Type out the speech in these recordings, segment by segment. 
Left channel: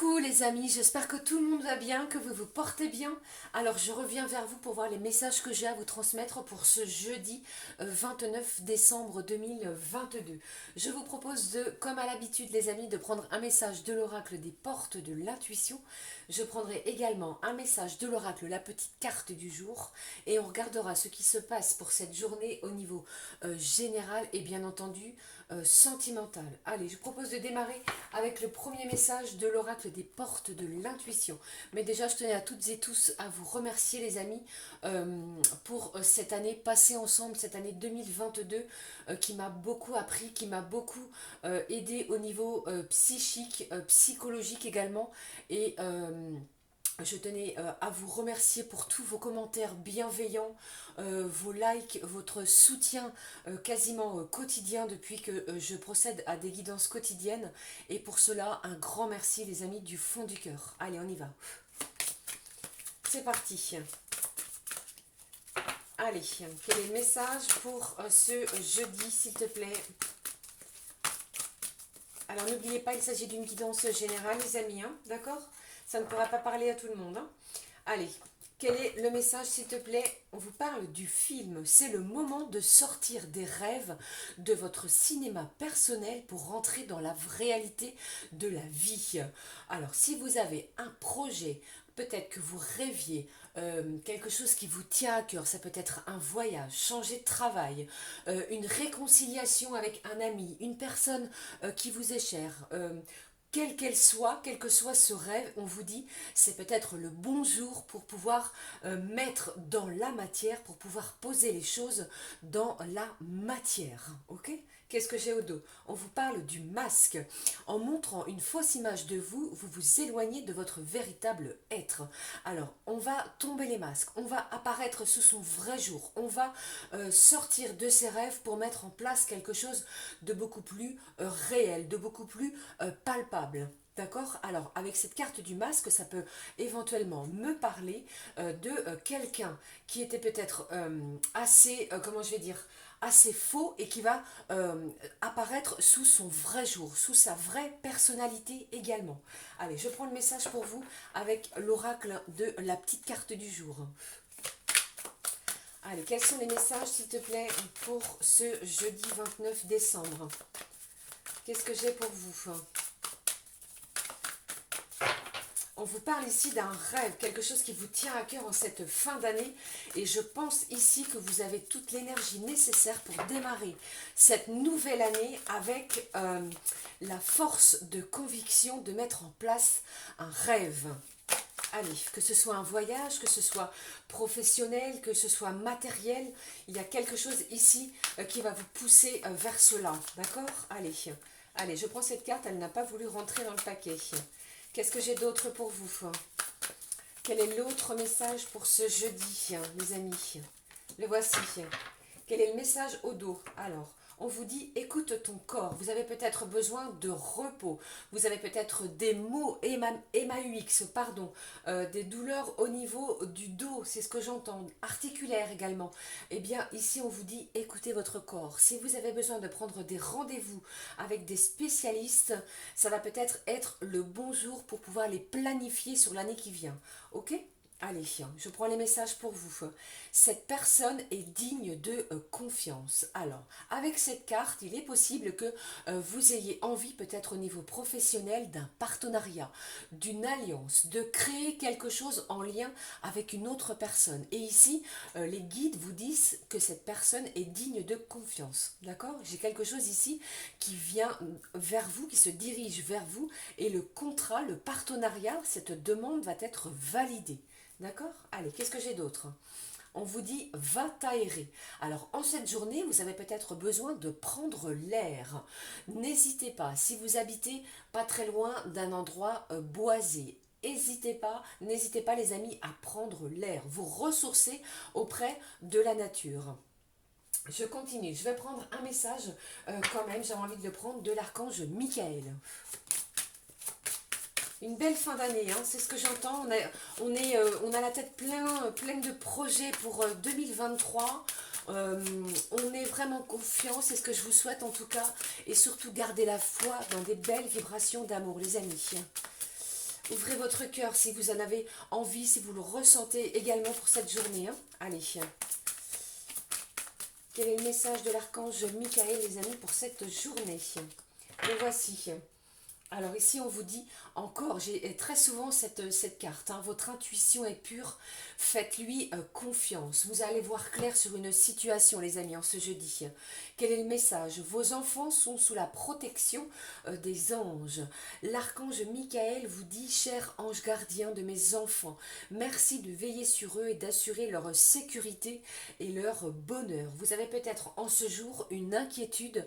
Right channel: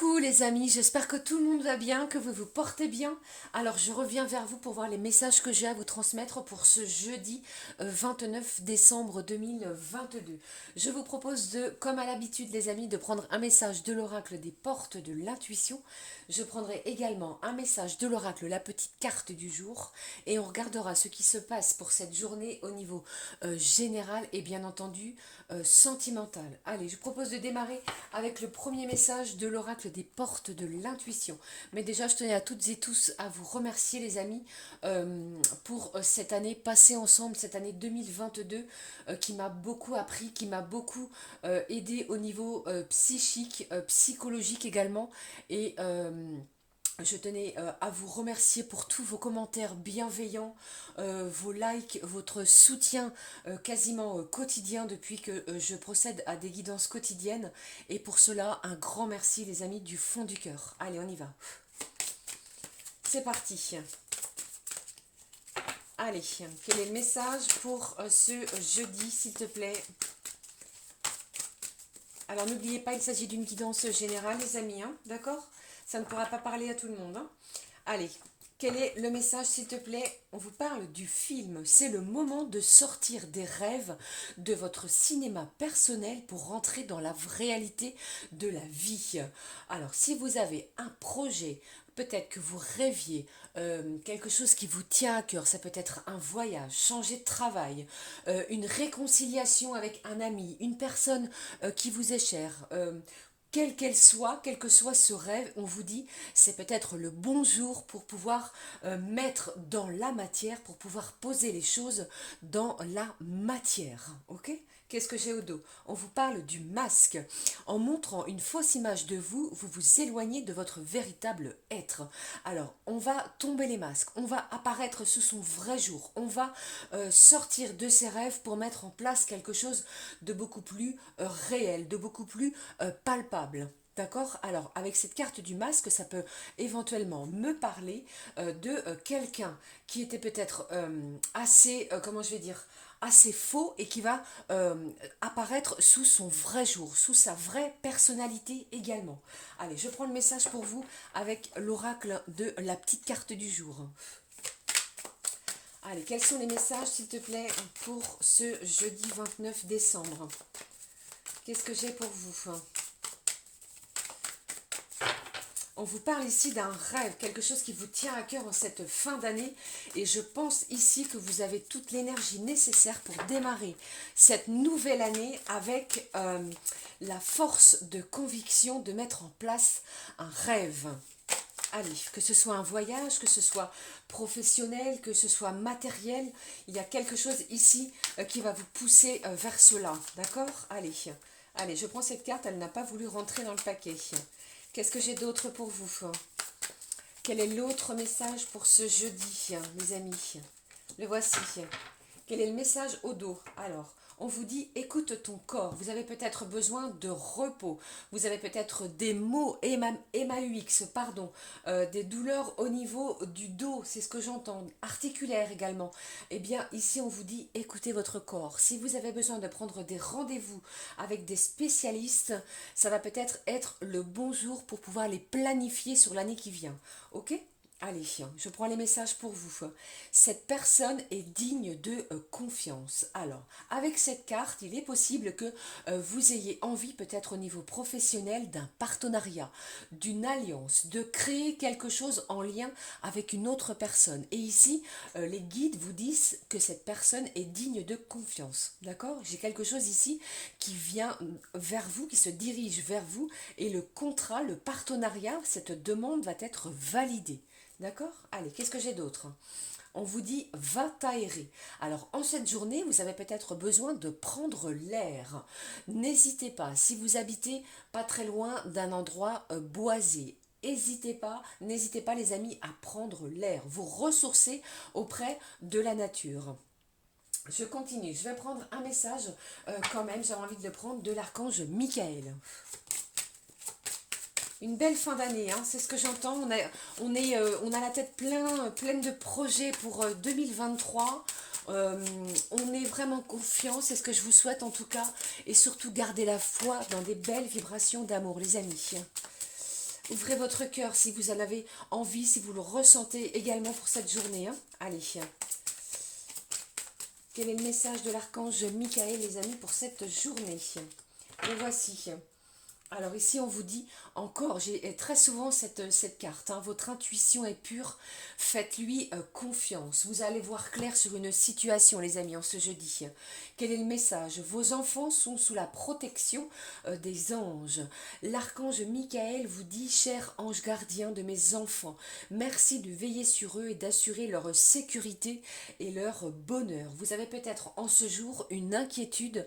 Coucou les amis, j'espère que tout le monde va bien, que vous vous portez bien. Alors je reviens vers vous pour voir les messages que j'ai à vous transmettre pour ce jeudi 29 décembre 2022. Je vous propose de, comme à l'habitude les amis, de prendre un message de l'oracle des portes de l'intuition. Je prendrai également un message de l'oracle, la petite carte du jour, et on regardera ce qui se passe pour cette journée au niveau général et bien entendu sentimental. Allez, je propose de démarrer avec le premier message de l'oracle des portes de l'intuition. Mais déjà, je tenais à toutes et tous à vous remercier les amis pour cette année passée ensemble, cette année 2022 qui m'a beaucoup appris, qui m'a beaucoup aidé au niveau psychique, psychologique également. Et je tenais à vous remercier pour tous vos commentaires bienveillants, vos likes, votre soutien quasiment quotidien depuis que je procède à des guidances quotidiennes. Et pour cela, un grand merci les amis du fond du cœur. Allez, on y va. C'est parti. Allez, quel est le message pour ce jeudi, s'il te plaît? Alors n'oubliez pas, il s'agit d'une guidance générale les amis, hein, d'accord? Ça ne pourra pas parler à tout le monde. Hein. Allez, quel est le message s'il te plaît? On vous parle du film. C'est le moment de sortir des rêves de votre cinéma personnel pour rentrer dans la réalité de la vie. Alors si vous avez un projet, peut-être que vous rêviez, quelque chose qui vous tient à cœur, ça peut être un voyage, changer de travail, une réconciliation avec un ami, une personne qui vous est chère, quelle qu'elle soit, quel que soit ce rêve, on vous dit, c'est peut-être le bon jour pour pouvoir mettre dans la matière, pour pouvoir poser les choses dans la matière. Ok? Qu'est-ce que j'ai au dos? On vous parle du masque. En montrant une fausse image de vous, vous vous éloignez de votre véritable être. Alors, on va tomber les masques, on va apparaître sous son vrai jour, on va sortir de ses rêves pour mettre en place quelque chose de beaucoup plus réel, de beaucoup plus palpable. D'accord? Alors, avec cette carte du masque, ça peut éventuellement me parler de quelqu'un qui était peut-être assez, comment je vais dire, assez faux et qui va apparaître sous son vrai jour, sous sa vraie personnalité également. Allez, je prends le message pour vous avec l'oracle de la petite carte du jour. Allez, quels sont les messages, s'il te plaît, pour ce jeudi 29 décembre? Qu'est-ce que j'ai pour vous? On vous parle ici d'un rêve, quelque chose qui vous tient à cœur en cette fin d'année. Et je pense ici que vous avez toute l'énergie nécessaire pour démarrer cette nouvelle année avec la force de conviction de mettre en place un rêve. Allez, que ce soit un voyage, que ce soit professionnel, que ce soit matériel, il y a quelque chose ici qui va vous pousser vers cela. D'accord? Allez, allez, je prends cette carte, elle n'a pas voulu rentrer dans le paquet. Qu'est-ce que j'ai d'autre pour vous? Quel est l'autre message pour ce jeudi, les amis? Le voici. Quel est le message au dos? Alors, on vous dit, écoute ton corps. Vous avez peut-être besoin de repos. Vous avez peut-être des maux MAUX, pardon, des douleurs au niveau du dos, c'est ce que j'entends, articulaire également. Eh bien, ici, on vous dit, écoutez votre corps. Si vous avez besoin de prendre des rendez-vous avec des spécialistes, ça va peut-être être le bon jour pour pouvoir les planifier sur l'année qui vient. Ok? Allez, je prends les messages pour vous. Cette personne est digne de confiance. Alors, avec cette carte, il est possible que vous ayez envie, peut-être au niveau professionnel, d'un partenariat, d'une alliance, de créer quelque chose en lien avec une autre personne. Et ici, les guides vous disent que cette personne est digne de confiance. D'accord? J'ai quelque chose ici qui vient vers vous, qui se dirige vers vous, et le contrat, le partenariat, cette demande va être validée. D'accord? Allez, qu'est-ce que j'ai d'autre? On vous dit va t'aérer. Alors en cette journée, vous avez peut-être besoin de prendre l'air. N'hésitez pas, si vous habitez pas très loin d'un endroit boisé, n'hésitez pas les amis à prendre l'air, vous ressourcer auprès de la nature. Je continue, je vais prendre un message quand même, j'ai envie de le prendre de l'archange Michael. Une belle fin d'année, hein, c'est ce que j'entends. On a la tête pleine de projets pour 2023. On est vraiment confiant, c'est ce que je vous souhaite en tout cas. Et surtout, gardez la foi dans des belles vibrations d'amour, les amis. Ouvrez votre cœur si vous en avez envie, si vous le ressentez également pour cette journée. Hein. Allez. Quel est le message de l'archange Michael, les amis, pour cette journée? Le voici. Alors ici, on vous dit encore, j'ai très souvent cette carte, hein, votre intuition est pure, faites-lui confiance. Vous allez voir clair sur une situation, les amis, en ce jeudi. Quel est le message? Vos enfants sont sous la protection des anges. L'archange Michael vous dit, cher ange gardien de mes enfants, merci de veiller sur eux et d'assurer leur sécurité et leur bonheur. Vous avez peut-être en ce jour une inquiétude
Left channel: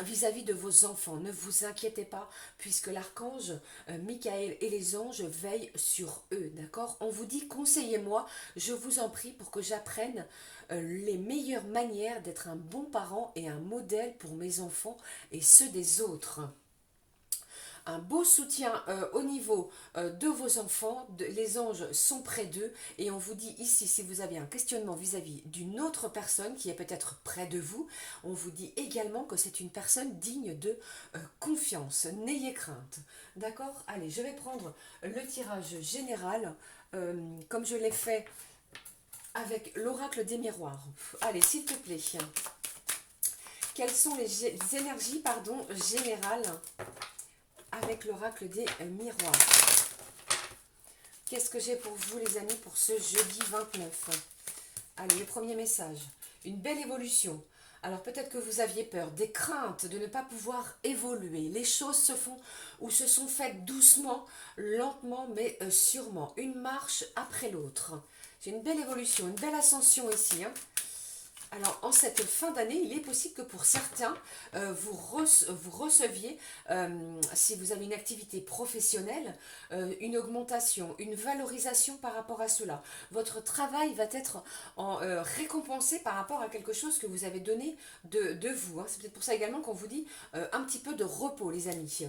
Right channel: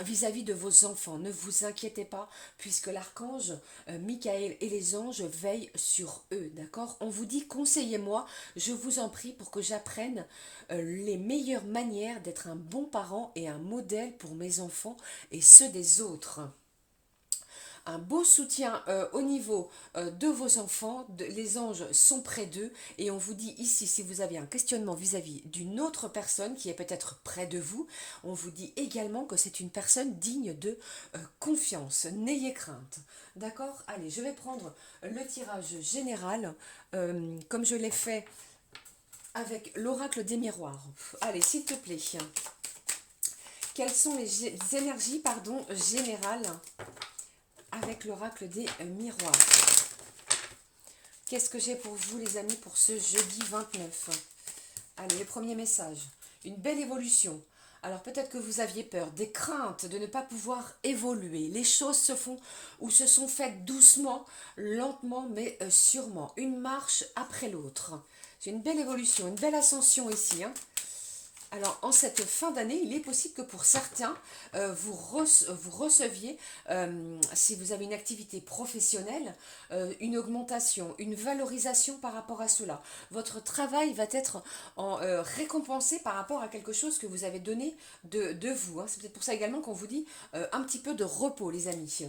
vis-à-vis de vos enfants. Ne vous inquiétez pas, puisque l'archange Michael et les anges veillent sur eux, d'accord? On vous dit, conseillez-moi, je vous en prie, pour que j'apprenne les meilleures manières d'être un bon parent et un modèle pour mes enfants et ceux des autres. Un beau soutien au niveau de vos enfants, les anges sont près d'eux et on vous dit ici, si vous avez un questionnement vis-à-vis d'une autre personne qui est peut-être près de vous, on vous dit également que c'est une personne digne de confiance, n'ayez crainte. D'accord? Allez, je vais prendre le tirage général comme je l'ai fait avec l'oracle des miroirs. Allez, s'il te plaît. Quelles sont les énergies générales avec l'oracle des miroirs? Qu'est-ce que j'ai pour vous, les amis, pour ce jeudi 29? Allez, le premier message. Une belle évolution. Alors peut-être que vous aviez peur, des craintes de ne pas pouvoir évoluer. Les choses se font ou se sont faites doucement, lentement, mais sûrement. Une marche après l'autre. C'est une belle évolution, une belle ascension ici, hein. Alors, en cette fin d'année, il est possible que pour certains, vous receviez, si vous avez une activité professionnelle, une augmentation, une valorisation par rapport à cela. Votre travail va être récompensé par rapport à quelque chose que vous avez donné de vous. Hein. C'est peut-être pour ça également qu'on vous dit un petit peu de repos, les amis.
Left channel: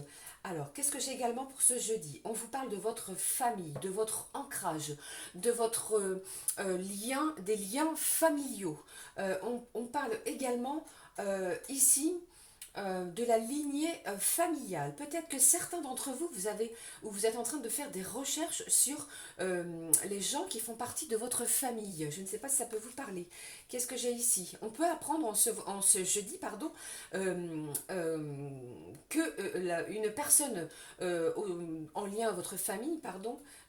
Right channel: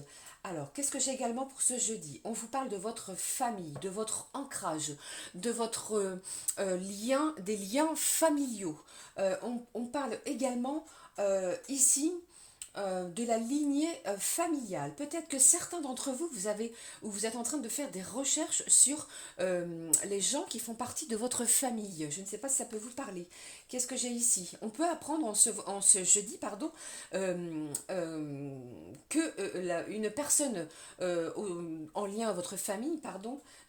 Alors, qu'est-ce que j'ai également pour ce jeudi? On vous parle de votre famille, de votre ancrage, de votre lien, des liens familiaux. On parle également ici de la lignée familiale. Peut-être que certains d'entre vous, vous êtes en train de faire des recherches sur les gens qui font partie de votre famille. Je ne sais pas si ça peut vous parler. Qu'est-ce que j'ai ici? On peut apprendre en ce jeudi, que une personne en lien à votre famille,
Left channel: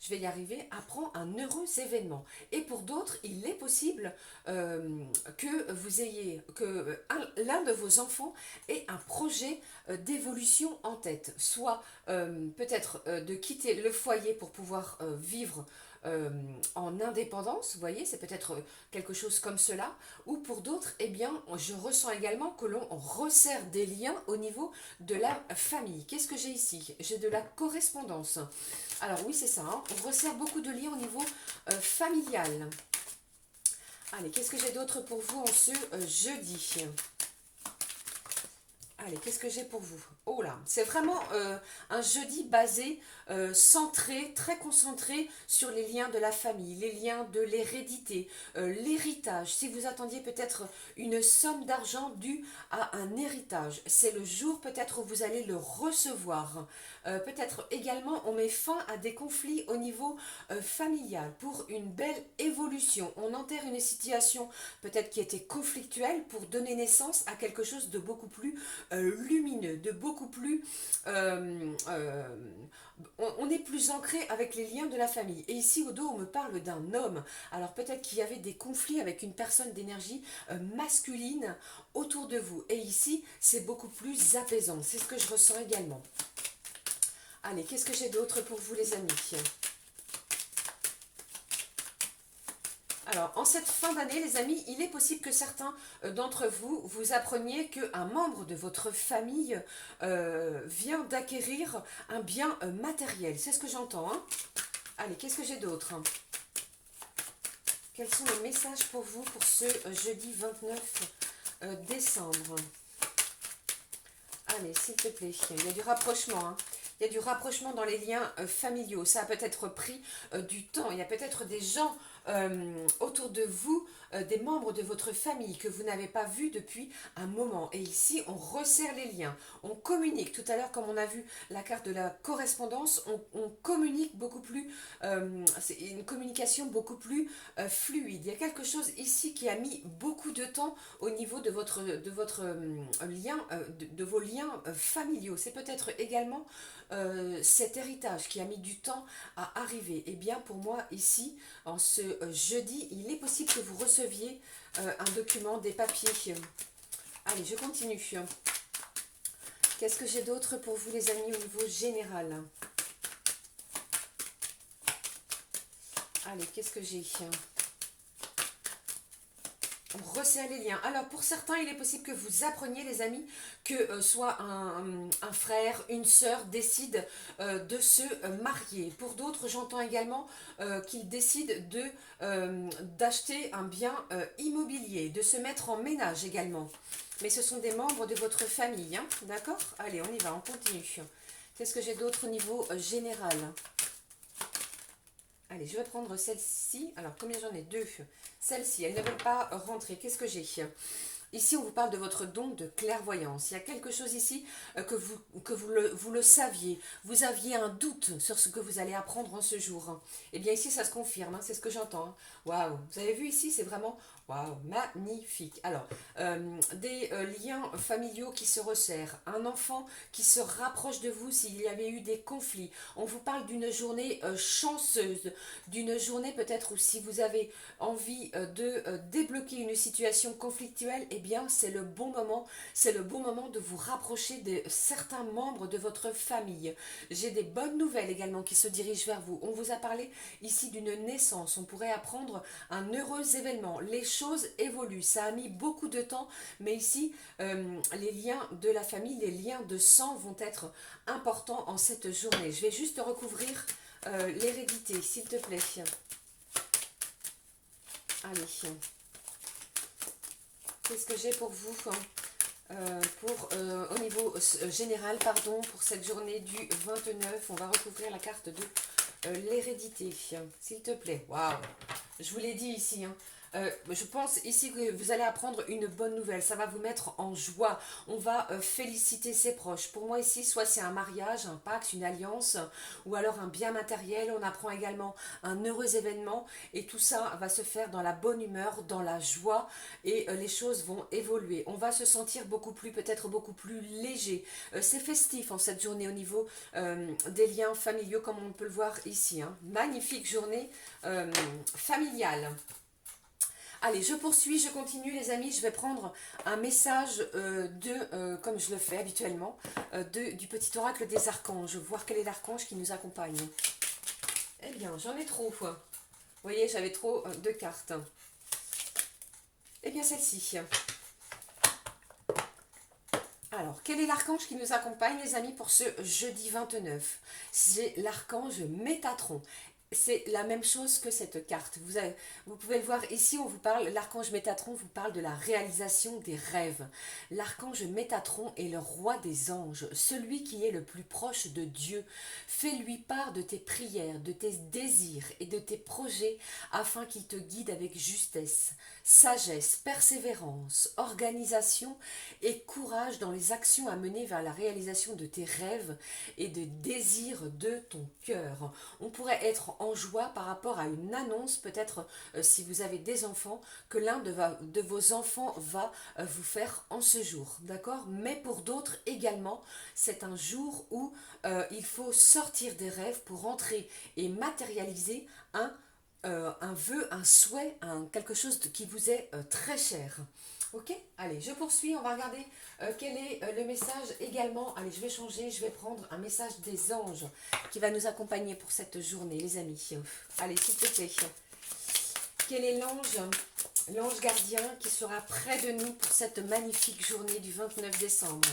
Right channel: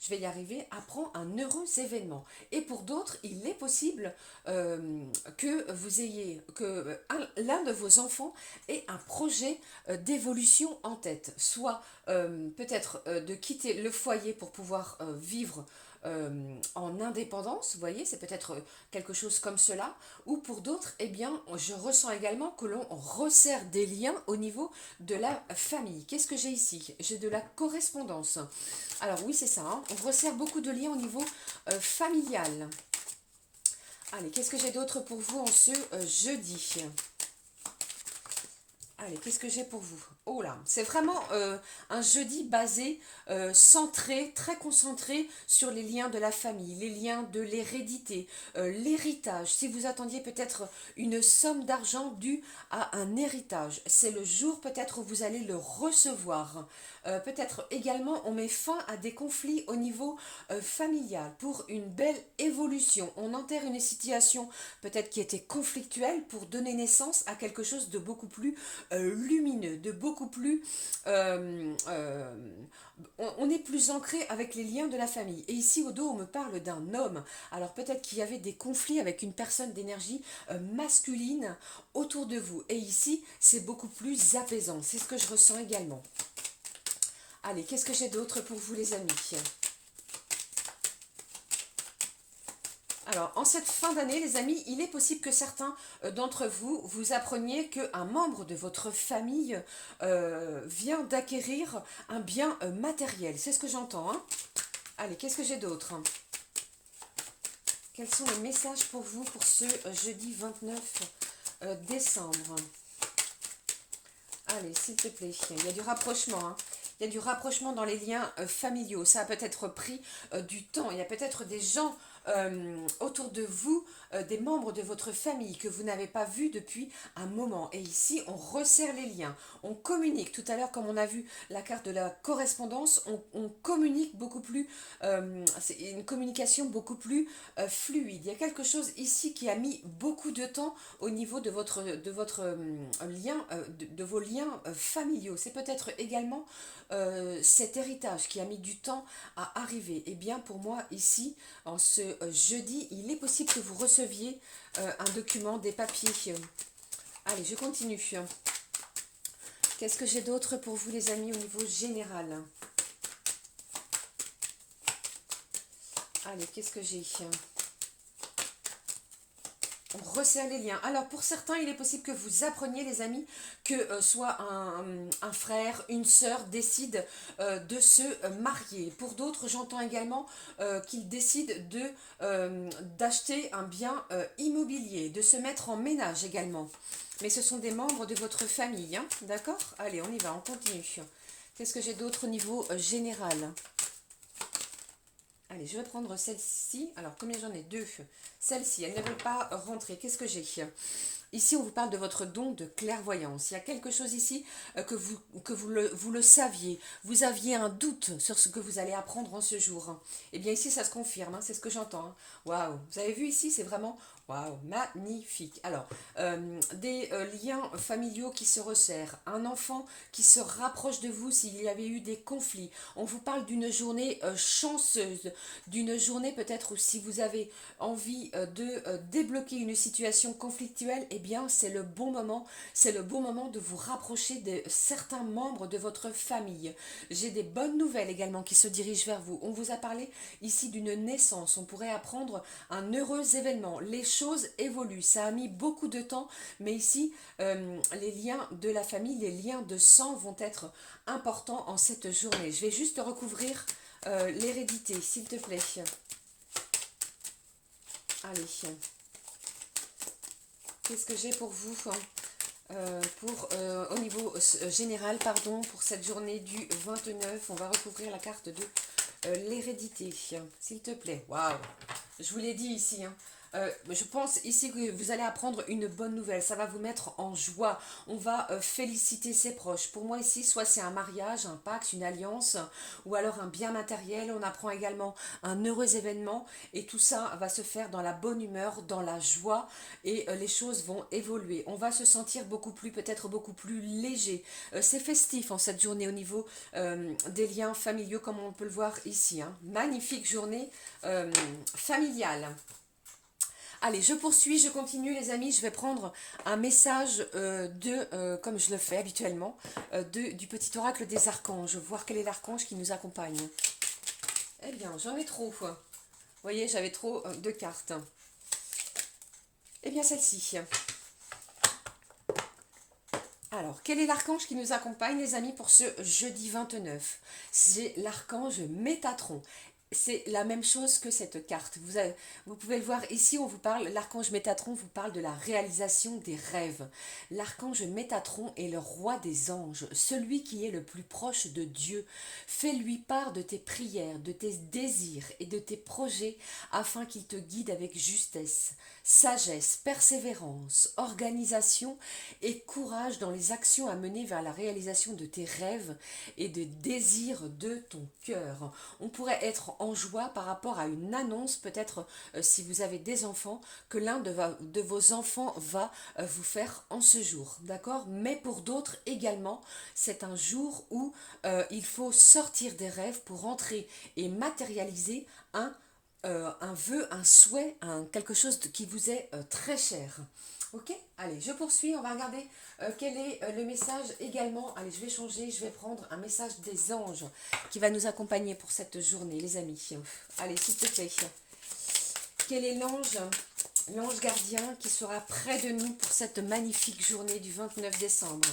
je vais y arriver, apprend un heureux événement. Et pour d'autres, il est possible que l'un de vos enfants ait un projet d'évolution en tête, soit peut-être de quitter le foyer pour pouvoir vivre en indépendance, vous voyez, c'est peut-être quelque chose comme cela, ou pour d'autres, eh bien, je ressens également que l'on resserre des liens au niveau de la famille. Qu'est-ce que j'ai ici? J'ai de la correspondance. Alors oui, c'est ça, hein, on resserre beaucoup de liens au niveau familial. Allez, qu'est-ce que j'ai d'autre pour vous en ce jeudi? Allez, qu'est-ce que j'ai pour vous? Oh là, c'est vraiment un jeudi basé, centré, très concentré sur les liens de la famille, les liens de l'hérédité, l'héritage. Si vous attendiez peut-être une somme d'argent due à un héritage, c'est le jour peut-être où vous allez le recevoir. Peut-être également on met fin à des conflits au niveau familial pour une belle évolution. On enterre une situation peut-être qui était conflictuelle pour donner naissance à quelque chose de beaucoup plus lumineux, de beaucoup plus... on est plus ancré avec les liens de la famille. Et ici au dos, on me parle d'un homme. Alors peut-être qu'il y avait des conflits avec une personne d'énergie masculine autour de vous. Et ici, c'est beaucoup plus apaisant. C'est ce que je ressens également. Allez, qu'est-ce que j'ai d'autre pour vous, les amis? Alors, en cette fin d'année, les amis, il est possible que certains d'entre vous, vous appreniez qu'un membre de votre famille vient d'acquérir un bien matériel. C'est ce que j'entends, hein. Allez, qu'est-ce que j'ai d'autre? Quels sont les messages pour vous pour ce jeudi 29 décembre? Allez, s'il te plaît, il y a du rapprochement, hein. Il y a du rapprochement dans les liens familiaux. Ça a peut-être pris du temps. Il y a peut-être des gens autour de vous des membres de votre famille que vous n'avez pas vus depuis un moment. Et ici, on resserre les liens, on communique. Tout à l'heure, comme on a vu la carte de la correspondance, on communique beaucoup plus, c'est une communication beaucoup plus fluide. Il y a quelque chose ici qui a mis beaucoup de temps au niveau de votre lien, de vos liens familiaux. C'est peut-être également cet héritage qui a mis du temps à arriver. Et bien pour moi ici, en ce jeudi, il est possible que vous receviez un document, des papiers. Allez, je continue. Qu'est-ce que j'ai d'autre pour vous les amis au niveau général? Allez, qu'est-ce que j'ai? On resserre les liens. Alors, pour certains, il est possible que vous appreniez, les amis, que soit un frère, une sœur décide de se marier. Pour d'autres, j'entends également qu'ils décident d'acheter un bien immobilier, de se mettre en ménage également. Mais ce sont des membres de votre famille, hein, d'accord? Allez, on y va, on continue. Qu'est-ce que j'ai d'autre au niveau général? Allez, je vais prendre celle-ci. Alors, combien j'en ai? Deux. Celle-ci, elle ne veut pas rentrer. Qu'est-ce que j'ai? Ici, on vous parle de votre don de clairvoyance. Il y a quelque chose ici vous le saviez. Vous aviez un doute sur ce que vous allez apprendre en ce jour. Eh bien, ici, ça se confirme. Hein, c'est ce que j'entends. Hein. Waouh! Vous avez vu ici, c'est vraiment... Waouh, magnifique. Alors, des liens familiaux qui se resserrent, un enfant qui se rapproche de vous s'il y avait eu des conflits. On vous parle d'une journée chanceuse, d'une journée peut-être où si vous avez envie de débloquer une situation conflictuelle, eh bien c'est le bon moment, c'est le bon moment de vous rapprocher de certains membres de votre famille. J'ai des bonnes nouvelles également qui se dirigent vers vous. On vous a parlé ici d'une naissance, on pourrait apprendre un heureux événement. Les choses évoluent, ça a mis beaucoup de temps, mais ici les liens de la famille, les liens de sang vont être importants en cette journée. Je vais juste recouvrir l'hérédité, s'il te plaît. Allez, qu'est-ce que j'ai pour vous au niveau général, pardon, pour cette journée du 29, on va recouvrir la carte de l'hérédité, s'il te plaît. Waouh, je vous l'ai dit ici, hein. Je pense ici que vous allez apprendre une bonne nouvelle, ça va vous mettre en joie, on va féliciter ses proches. Pour moi ici, soit c'est un mariage, un pacte, une alliance, ou alors un bien matériel, on apprend également un heureux événement, et tout ça va se faire dans la bonne humeur, dans la joie, et les choses vont évoluer. On va se sentir beaucoup plus, peut-être beaucoup plus léger. C'est festif en cette journée au niveau des liens familiaux, comme on peut le voir ici. Hein. Magnifique journée familiale. Allez, je poursuis, je continue les amis, je vais prendre un message comme je le fais habituellement, du petit oracle des archanges, voir quel est l'archange qui nous accompagne. Eh bien, j'en ai trop. Vous voyez, j'avais trop de cartes. Eh bien, celle-ci. Alors, quel est l'archange qui nous accompagne les amis pour ce jeudi 29? C'est l'archange Métatron. C'est la même chose que cette carte. Vous pouvez le voir ici, on vous parle, l'archange Métatron vous parle de la réalisation des rêves. L'archange Métatron est le roi des anges, celui qui est le plus proche de Dieu. Fais-lui part de tes prières, de tes désirs et de tes projets afin qu'il te guide avec justesse, sagesse, persévérance, organisation et courage dans les actions à mener vers la réalisation de tes rêves et des désirs de ton cœur. On pourrait être en joie par rapport à une annonce, peut-être si vous avez des enfants, que l'un de vos enfants va vous faire en ce jour, d'accord? Mais pour d'autres également, c'est un jour où il faut sortir des rêves pour entrer et matérialiser un vœu, un souhait, quelque chose qui vous est très cher. Ok, allez, je poursuis, on va regarder quel est le message également. Allez, je vais changer, je vais prendre un message des anges qui va nous accompagner pour cette journée, les amis. Allez, s'il te plaît. Quel est l'ange gardien qui sera près de nous pour cette magnifique journée du 29 décembre?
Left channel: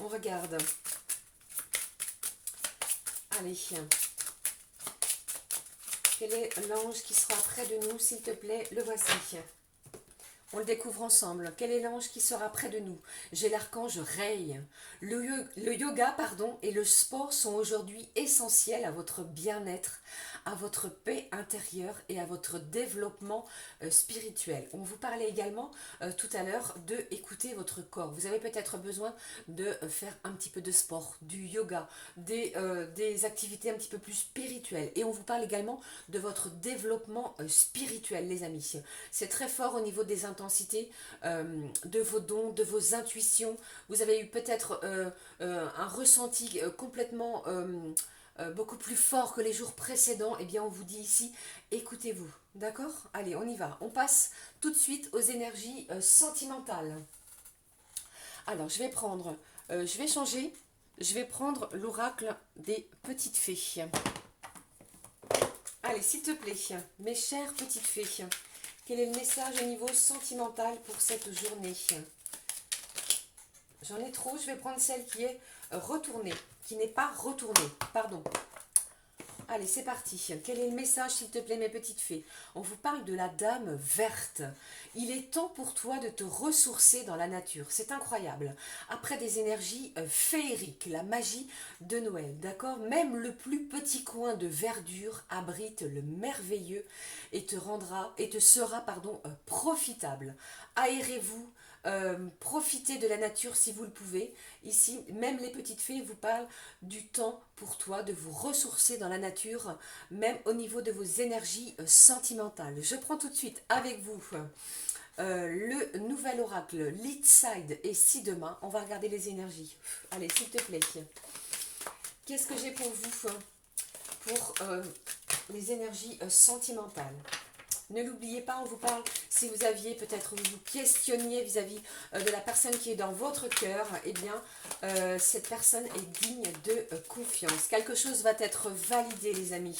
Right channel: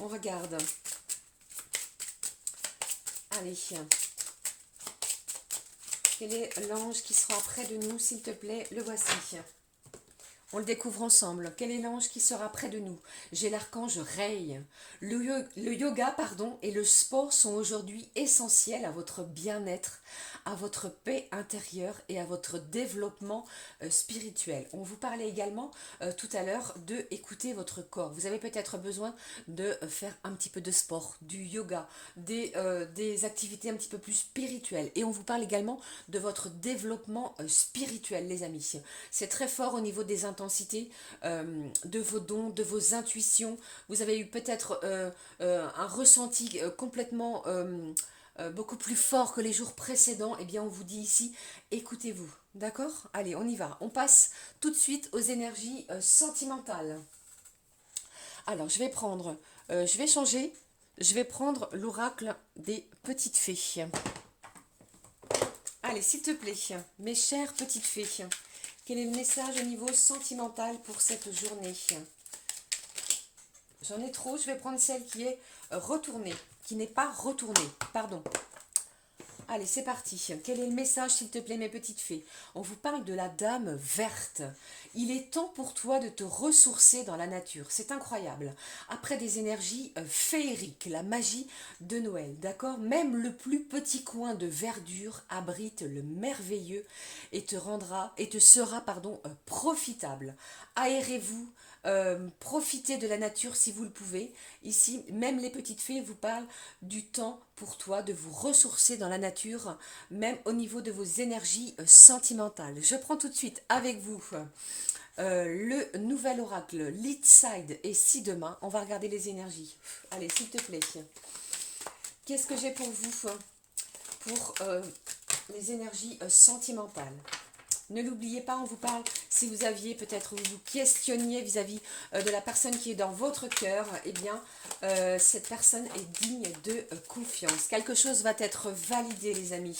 On regarde. Allez. Quel est l'ange qui sera près de nous, s'il te plaît? Le voici. On le découvre ensemble. Quel est l'ange qui sera près de nous? J'ai l'archange Rei. Le yoga, pardon, et le sport sont aujourd'hui essentiels à votre bien-être, à votre paix intérieure et à votre développement spirituel. On vous parlait également tout à l'heure de écouter votre corps. Vous avez peut-être besoin de faire un petit peu de sport, du yoga, des activités un petit peu plus spirituelles. Et on vous parle également de votre développement spirituel, les amis. C'est très fort au niveau des intensités, de vos dons, de vos intuitions. Vous avez eu peut-être un ressenti complètement beaucoup plus fort que les jours précédents. Eh bien, on vous dit ici, écoutez-vous. D'accord? Allez, on y va. On passe tout de suite aux énergies sentimentales. Alors, je vais changer. Je vais prendre l'oracle des petites fées. Allez, s'il te plaît, mes chères petites fées, quel est le message au niveau sentimental pour cette journée? J'en ai trop, je vais prendre celle qui est retournée, qui n'est pas retournée, pardon. Allez, c'est parti. Quel est le message, s'il te plaît, mes petites fées? On vous parle de la dame verte. Il est temps pour toi de te ressourcer dans la nature. C'est incroyable. Après des énergies féeriques, la magie de Noël, d'accord? Même le plus petit coin de verdure abrite le merveilleux et te sera, pardon, profitable. Aérez-vous. Profitez de la nature si vous le pouvez. Ici, même les petites fées vous parlent du temps pour toi de vous ressourcer dans la nature, même au niveau de vos énergies sentimentales. Je prends tout de suite avec vous le nouvel oracle Lead Side et si demain. On va regarder les énergies. Allez, s'il te plaît. Qu'est-ce que j'ai pour vous pour les énergies sentimentales? Ne l'oubliez pas, on vous parle, si vous aviez peut-être, vous vous questionniez vis-à-vis de la personne qui est dans votre cœur, eh bien, cette personne est digne de confiance. Quelque chose va être validé, les amis.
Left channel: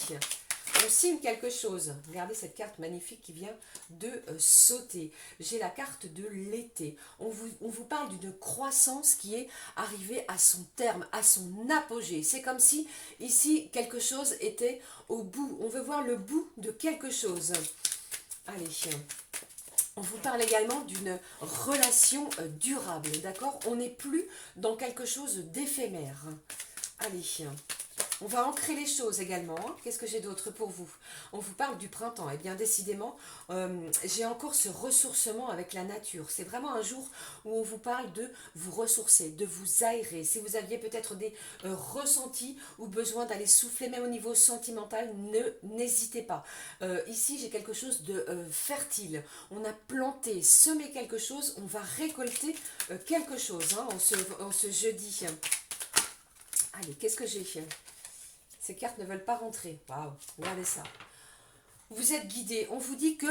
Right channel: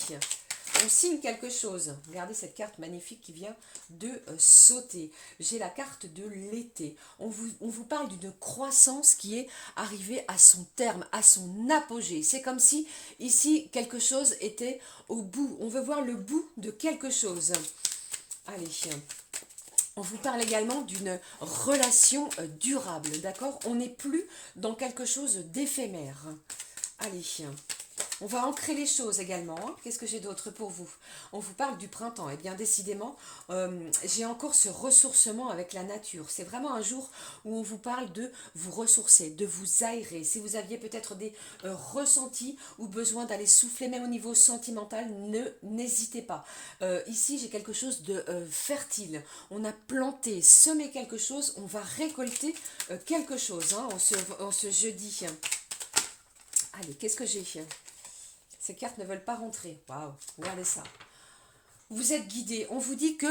On signe quelque chose. Regardez cette carte magnifique qui vient de sauter. J'ai la carte de l'été. On vous parle d'une croissance qui est arrivée à son terme, à son apogée. C'est comme si, ici, quelque chose était au bout. On veut voir le bout de quelque chose. Allez, on vous parle également d'une relation durable, d'accord? On n'est plus dans quelque chose d'éphémère. Allez, on va ancrer les choses également. Hein. Qu'est-ce que j'ai d'autre pour vous? On vous parle du printemps. Et bien décidément, j'ai encore ce ressourcement avec la nature. C'est vraiment un jour où on vous parle de vous ressourcer, de vous aérer. Si vous aviez peut-être des ressentis ou besoin d'aller souffler, même au niveau sentimental, n'hésitez pas. Ici, j'ai quelque chose de fertile. On a planté, semé quelque chose, on va récolter quelque chose hein, en ce jeudi. Allez, qu'est-ce que j'ai? Ces cartes ne veulent pas rentrer. Waouh, regardez ça. Vous êtes guidé. On vous dit que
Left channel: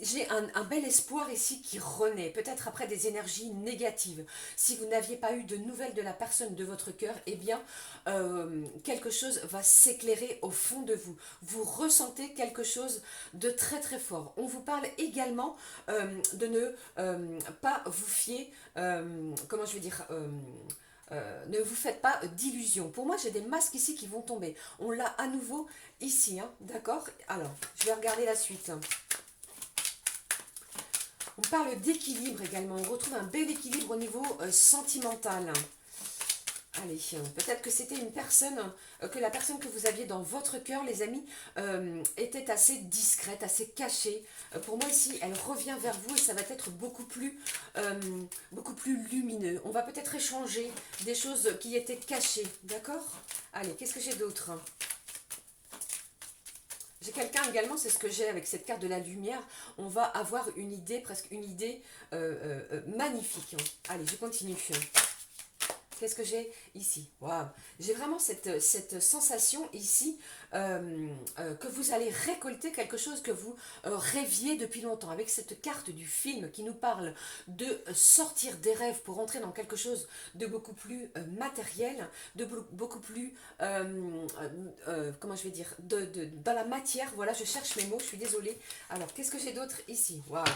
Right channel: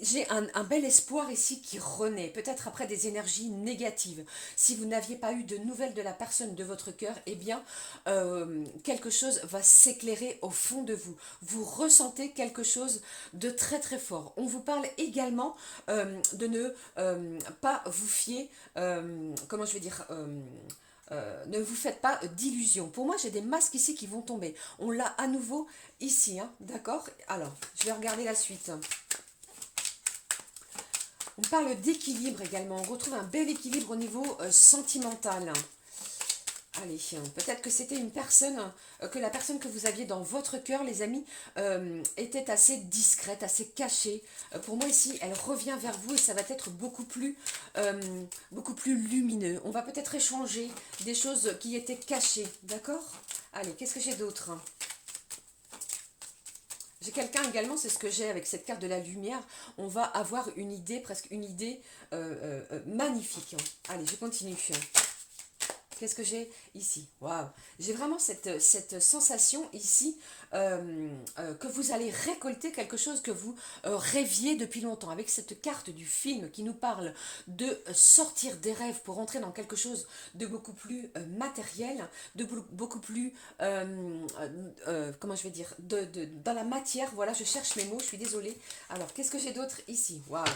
j'ai un bel espoir ici qui renaît, peut-être après des énergies négatives. Si vous n'aviez pas eu de nouvelles de la personne de votre cœur, eh bien, quelque chose va s'éclairer au fond de vous. Vous ressentez quelque chose de très très fort. On vous parle également de ne pas vous fier, comment je vais dire, ne vous faites pas d'illusions. Pour moi, j'ai des masques ici qui vont tomber. On l'a à nouveau ici, hein, d'accord? Alors, je vais regarder la suite. On parle d'équilibre également. On retrouve un bel équilibre au niveau sentimental. Allez, peut-être que c'était une personne, que la personne que vous aviez dans votre cœur, les amis, était assez discrète, assez cachée. Pour moi ici, elle revient vers vous et ça va être beaucoup plus lumineux. On va peut-être échanger des choses qui étaient cachées, d'accord? Allez, qu'est-ce que j'ai d'autre? J'ai quelqu'un également, c'est ce que j'ai avec cette carte de la lumière. On va avoir une idée, presque une idée magnifique. Allez, je continue. Qu'est-ce que j'ai ici? Waouh! J'ai vraiment cette sensation ici que vous allez récolter quelque chose que vous rêviez depuis longtemps. Avec cette carte du film qui nous parle de sortir des rêves pour entrer dans quelque chose de beaucoup plus matériel, de beaucoup plus, comment je vais dire, dans la matière. Voilà, je cherche mes mots, je suis désolée. Alors, qu'est-ce que j'ai d'autre ici? Waouh!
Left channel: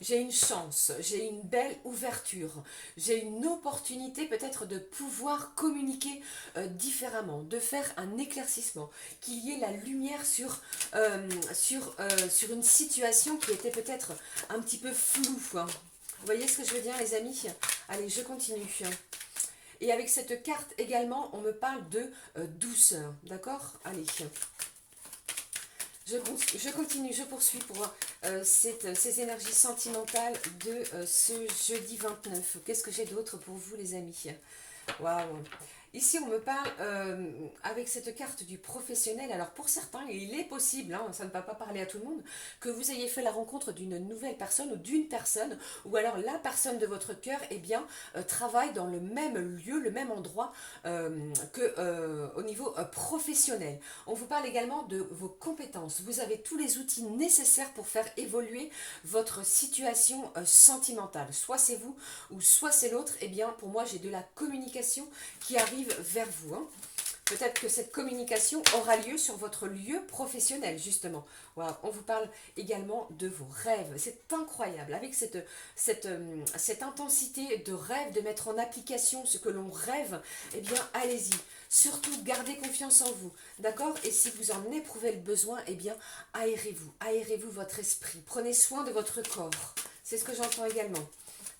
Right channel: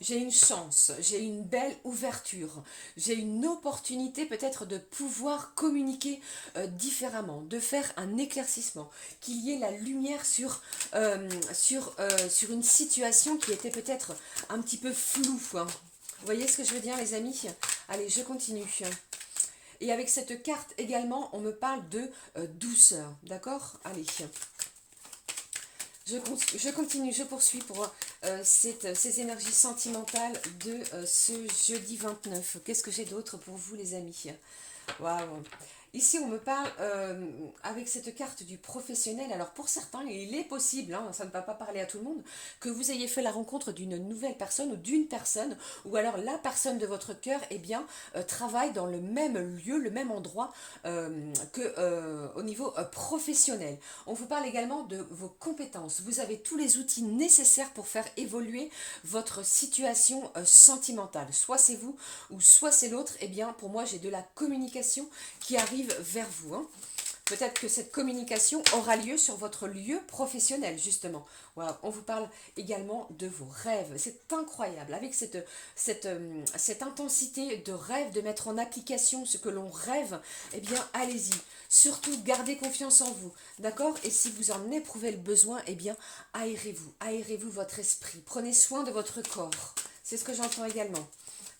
j'ai une chance, j'ai une belle ouverture, j'ai une opportunité peut-être de pouvoir communiquer différemment, de faire un éclaircissement, qu'il y ait la lumière sur une situation qui était peut-être un petit peu floue, quoi. Vous voyez ce que je veux dire, les amis? Allez, je continue. Et avec cette carte également, on me parle de douceur, d'accord? Allez, je continue, je poursuis pour ces énergies sentimentales de ce jeudi 29. Qu'est-ce que j'ai d'autre pour vous, les amis? Waouh! Ici, on me parle avec cette carte du professionnel. Alors, pour certains, il est possible, hein, ça ne va pas parler à tout le monde, que vous ayez fait la rencontre d'une nouvelle personne ou d'une personne, ou alors la personne de votre cœur, eh bien, travaille dans le même lieu, le même endroit au niveau professionnel. On vous parle également de vos compétences. Vous avez tous les outils nécessaires pour faire évoluer votre situation sentimentale. Soit c'est vous ou soit c'est l'autre. Eh bien, pour moi, j'ai de la communication qui arrive vers vous. Hein. Peut-être que cette communication aura lieu sur votre lieu professionnel, justement. Voilà. On vous parle également de vos rêves. C'est incroyable. Avec cette intensité de rêve, de mettre en application ce que l'on rêve, eh bien, allez-y. Surtout, gardez confiance en vous. D'accord? Et si vous en éprouvez le besoin, eh bien, aérez-vous. Aérez-vous votre esprit. Prenez soin de votre corps. C'est ce que j'entends également.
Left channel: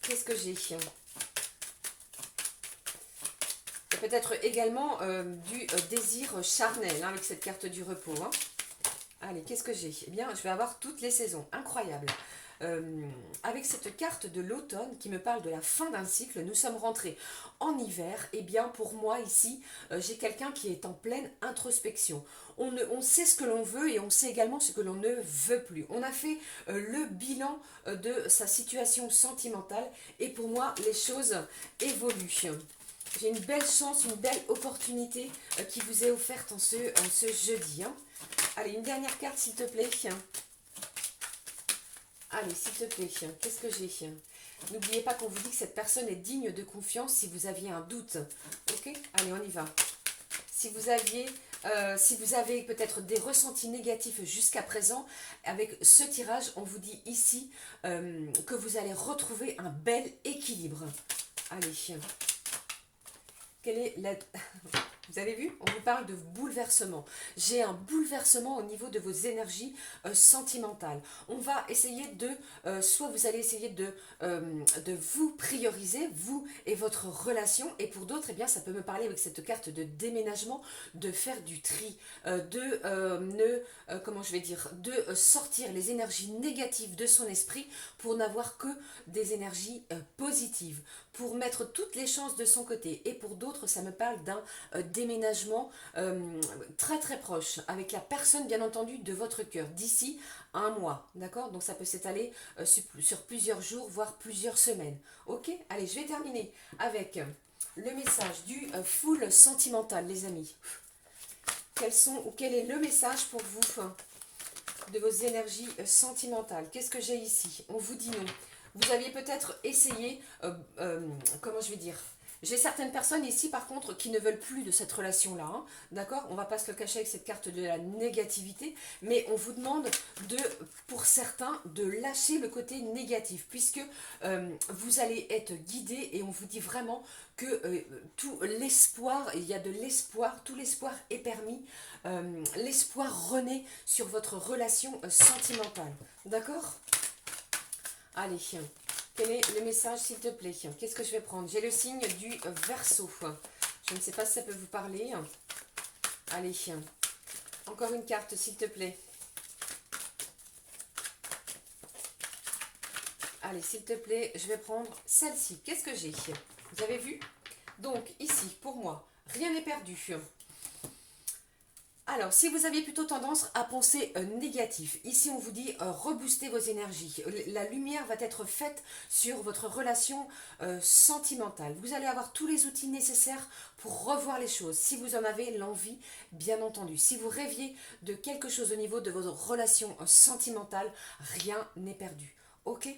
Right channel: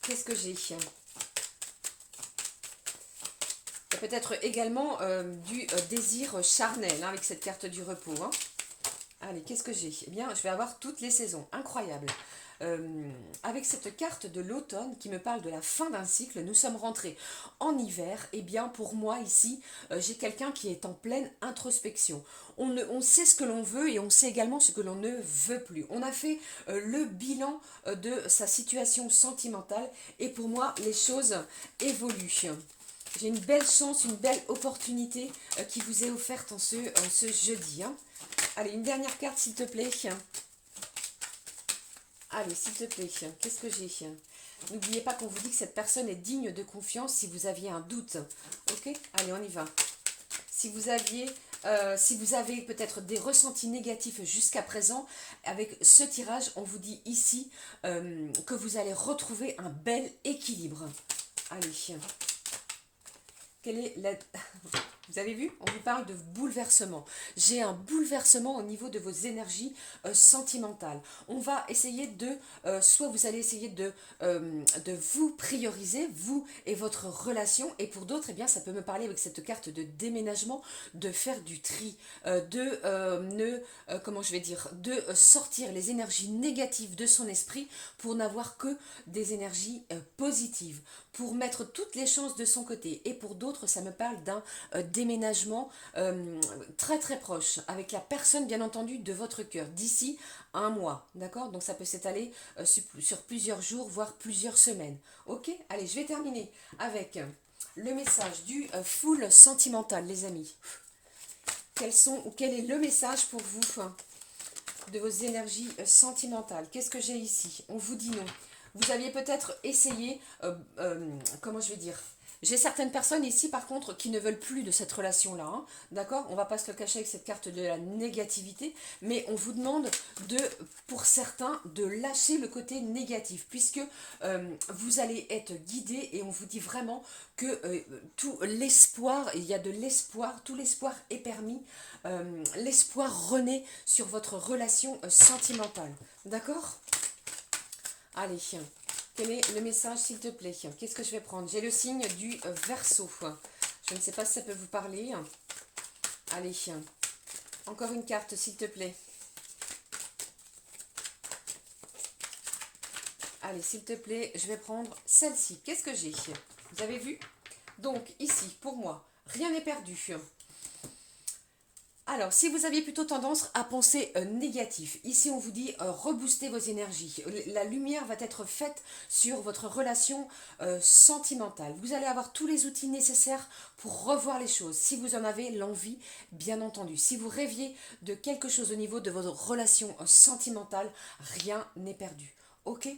Qu'est-ce que j'ai? Et peut-être également du désir charnel hein, avec cette carte du repos. Hein. Allez, qu'est-ce que j'ai? Eh bien, je vais avoir toutes les saisons. Incroyable. Avec cette carte de l'automne qui me parle de la fin d'un cycle, nous sommes rentrés en hiver. Eh bien, pour moi ici, j'ai quelqu'un qui est en pleine introspection. On sait ce que l'on veut et on sait également ce que l'on ne veut plus. On a fait le bilan de sa situation sentimentale et pour moi, les choses évoluent. J'ai une belle chance, une belle opportunité qui vous est offerte en ce jeudi. Hein. Allez, une dernière carte, s'il te plaît. Allez, s'il te plaît, qu'est-ce que j'ai? N'oubliez pas qu'on vous dit que cette personne est digne de confiance si vous aviez un doute. Ok? Allez, on y va. Si vous avez peut-être des ressentis négatifs jusqu'à présent, avec ce tirage, on vous dit ici que vous allez retrouver un bel équilibre. Allez, quelle est la... Vous avez vu? On vous parle de bouleversement. J'ai un bouleversement au niveau de vos énergies sentimentales. On va essayer soit vous allez essayer de vous prioriser, vous et votre relation. Et pour d'autres, eh bien, ça peut me parler avec cette carte de déménagement, de faire du tri, comment je vais dire, de sortir les énergies négatives de son esprit pour n'avoir que des énergies positives, pour mettre toutes les chances de son côté. Et pour d'autres, ça me parle d'un déménagement très très proche, avec la personne bien entendu de votre cœur, d'ici un mois, d'accord? Donc ça peut s'étaler sur plusieurs jours, voire plusieurs semaines. Ok? Allez, je vais terminer avec le message du full sentimental, les amis. Quel est le message pour vous de vos énergies sentimentales? Qu'est-ce que j'ai ici? On vous dit non. Vous aviez peut-être essayé, comment je vais dire, j'ai certaines personnes ici par contre qui ne veulent plus de cette relation-là, hein, d'accord? On va pas se le cacher avec cette carte de la négativité, mais on vous demande pour certains, de lâcher le côté négatif, puisque vous allez être guidé et on vous dit vraiment que tout l'espoir, il y a de l'espoir, tout l'espoir est permis, l'espoir renaît sur votre relation sentimentale, d'accord? Allez, quel est le message s'il te plaît? Qu'est-ce que je vais prendre? J'ai le signe du Verseau. Je ne sais pas si ça peut vous parler. Allez, encore une carte s'il te plaît. Allez, s'il te plaît, je vais prendre celle-ci. Qu'est-ce que j'ai? Vous avez vu? Donc, ici, pour moi, rien n'est perdu. Alors, si vous aviez plutôt tendance à penser négatif, ici on vous dit rebooster vos énergies. La lumière va être faite sur votre relation sentimentale. Vous allez avoir tous les outils nécessaires pour revoir les choses, si vous en avez l'envie, bien entendu. Si vous rêviez de quelque chose au niveau de votre relation sentimentale, rien n'est perdu. Ok?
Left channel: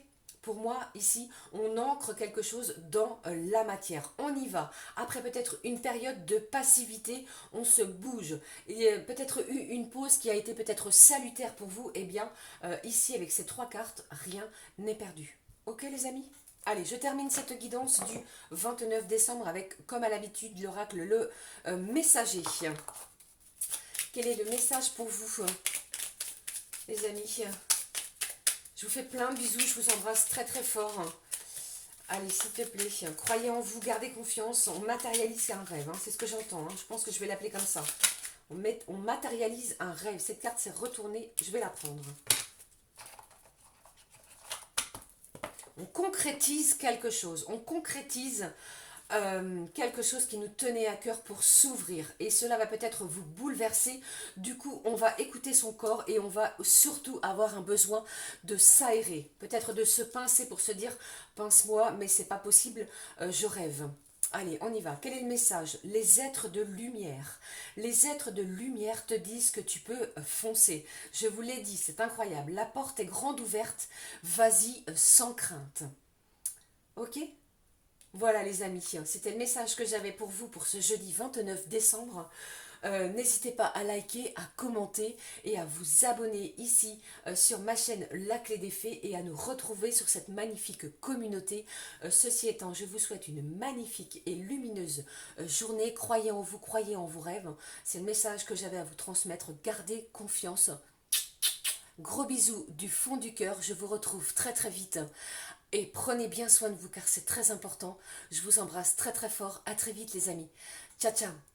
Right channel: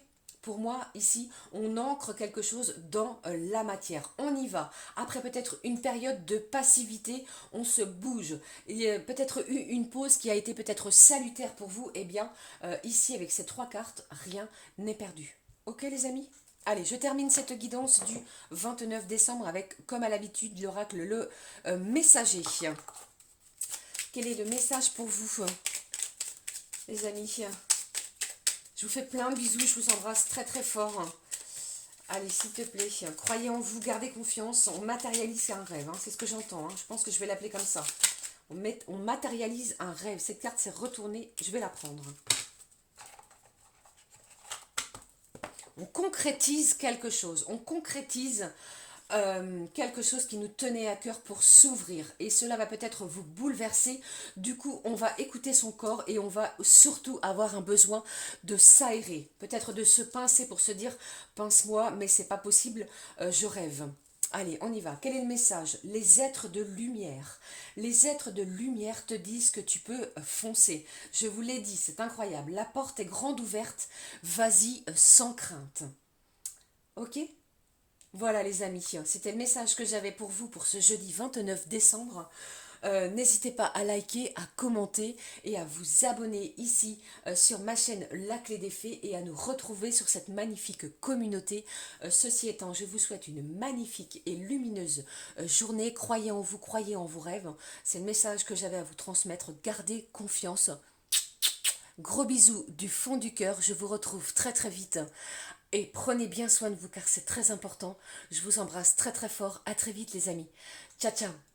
pour moi, ici, on ancre quelque chose dans la matière. On y va. Après peut-être une période de passivité, on se bouge. Il y a peut-être eu une pause qui a été peut-être salutaire pour vous. Eh bien, ici, avec ces 3 cartes, rien n'est perdu. Ok les amis? Allez, je termine cette guidance du 29 décembre avec, comme à l'habitude, l'oracle, le messager. Quel est le message pour vous, les amis? Je vous fais plein de bisous, je vous embrasse très très fort. Allez, s'il te plaît, croyez en vous, gardez confiance. On matérialise un rêve, hein, c'est ce que j'entends. Hein. Je pense que je vais l'appeler comme ça. On matérialise un rêve. Cette carte s'est retournée, je vais la prendre. On concrétise quelque chose. On concrétise quelque chose qui nous tenait à cœur pour s'ouvrir. Et cela va peut-être vous bouleverser. Du coup, on va écouter son corps et on va surtout avoir un besoin de s'aérer. Peut-être de se pincer pour se dire, pince-moi, mais c'est pas possible, je rêve. Allez, on y va. Quel est le message? Les êtres de lumière. Les êtres de lumière te disent que tu peux foncer. Je vous l'ai dit, c'est incroyable. La porte est grande ouverte. Vas-y sans crainte. Ok? Voilà les amis, c'était le message que j'avais pour vous pour ce jeudi 29 décembre. N'hésitez pas à liker, à commenter et à vous abonner ici sur ma chaîne La Clé des Fées et à nous retrouver sur cette magnifique communauté. Ceci étant, je vous souhaite une magnifique et lumineuse journée. Croyez en vous, croyez en vos rêves. C'est le message que j'avais à vous transmettre. Gardez confiance. Gros bisous du fond du cœur. Je vous retrouve très très vite. Et prenez bien soin de vous car c'est très important. Je vous embrasse très très fort. À très vite les amis. Ciao ciao.